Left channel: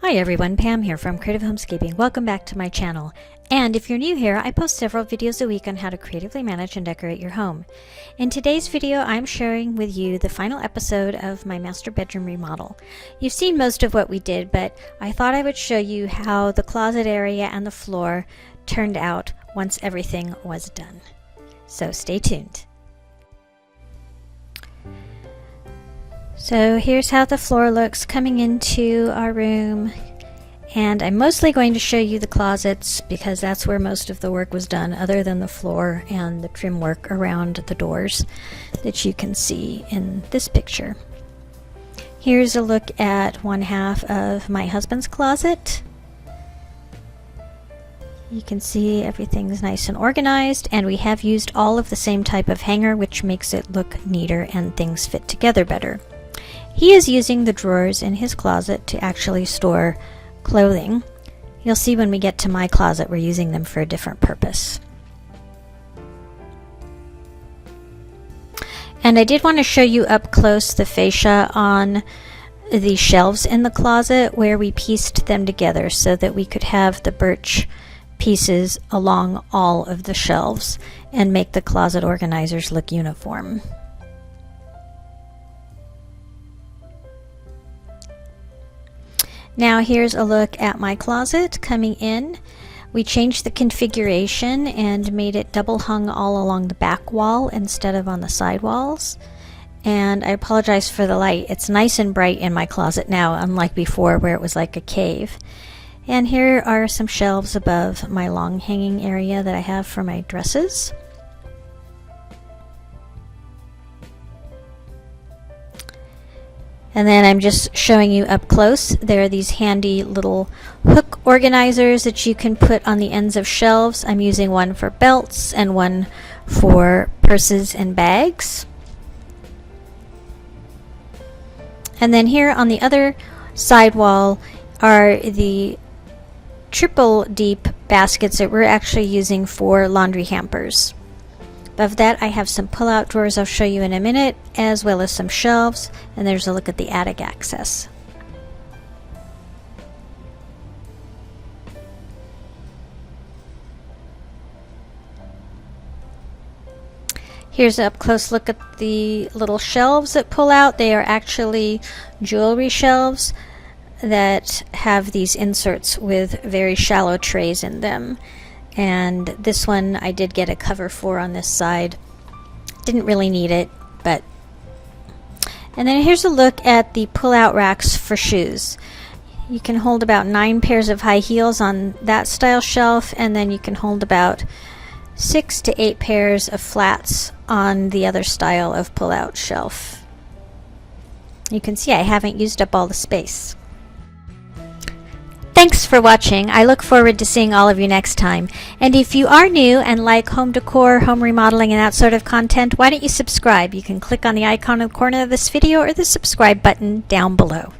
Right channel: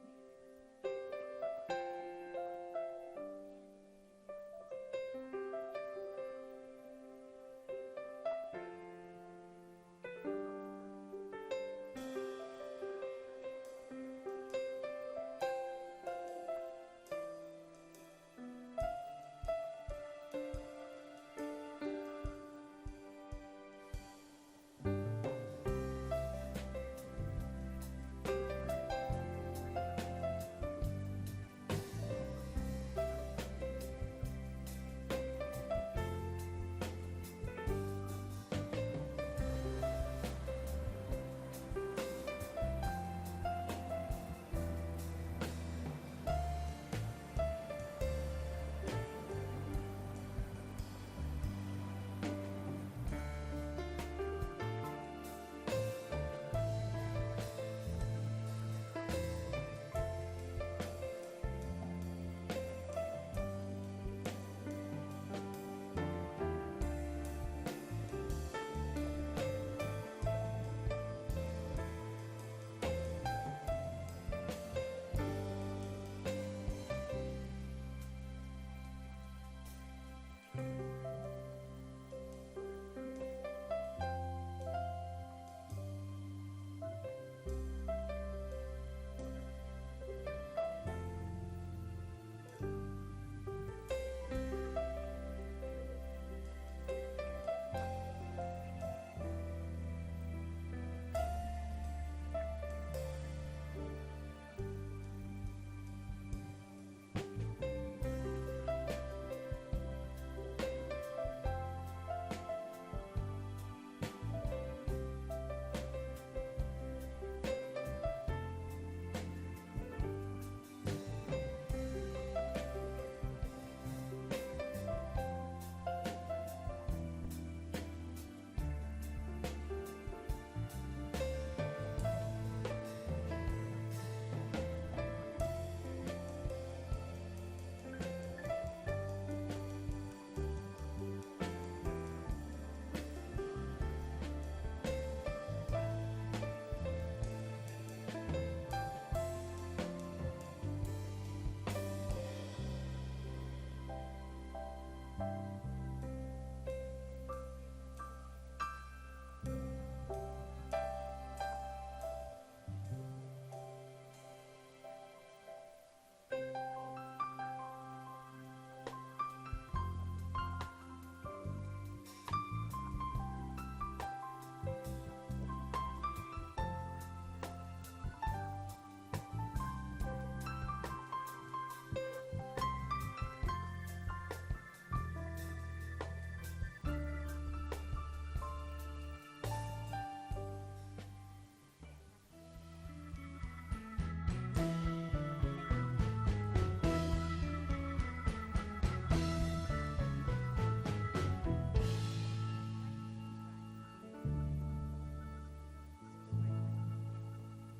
Hi everyone, Pam here from Creative Homescaping. Welcome back to my channel. And if you're new here, I post several videos a week on how to creatively manage and decorate your home. In today's video, I'm sharing with you the final episode of my master bedroom remodel. You've seen most of what we did, but I thought I would show you how the closet area and the floor turned out once everything was done. So stay tuned. So here's how the floor looks coming into our room, and I'm mostly going to show you the closets because that's where most of the work was done, other than the floor and the trim work around the doors that you can see in this picture. Here's a look at one half of my husband's closet. You can see everything's nice and organized, and we have used all of the same type of hanger, which makes it look neater and things fit together better. He is using the drawers in his closet to actually store clothing. You'll see when we get to my closet we're using them for a different purpose. And I did want to show you up close the fascia on the shelves in the closet where we pieced them together so that we could have the birch pieces along all of the shelves and make the closet organizers look uniform. Now here's a look at my closet coming in. We changed the configuration and made it double hung all along the back wall instead of on the side walls. And I apologize for the light. It's nice and bright in my closet now, unlike before where it was like a cave. And here are some shelves above my long hanging area that I have for my dresses. And then I'm just showing you up close. There are these handy little hook organizers that you can put on the ends of shelves. I'm using one for belts and one for purses and bags. And then here on the other side wall are the triple deep baskets that we're actually using for laundry hampers. Above that I have some pull-out drawers I'll show you in a minute, as well as some shelves, and there's a look at the attic access. Here's an up-close look at the little shelves that pull out. They are actually jewelry shelves that have these inserts with very shallow trays in them. And this one I did get a cover for on this side. Didn't really need it, but... And then here's a look at the pull-out racks for shoes. You can hold about 9 pairs of high heels on that style shelf, and then you can hold about 6 to 8 pairs of flats on the other style of pull-out shelf. You can see I haven't used up all the space. Thanks for watching. I look forward to seeing all of you next time. And if you are new and like home decor, home remodeling, and that sort of content, why don't you subscribe? You can click on the icon in the corner of this video or the subscribe button down below.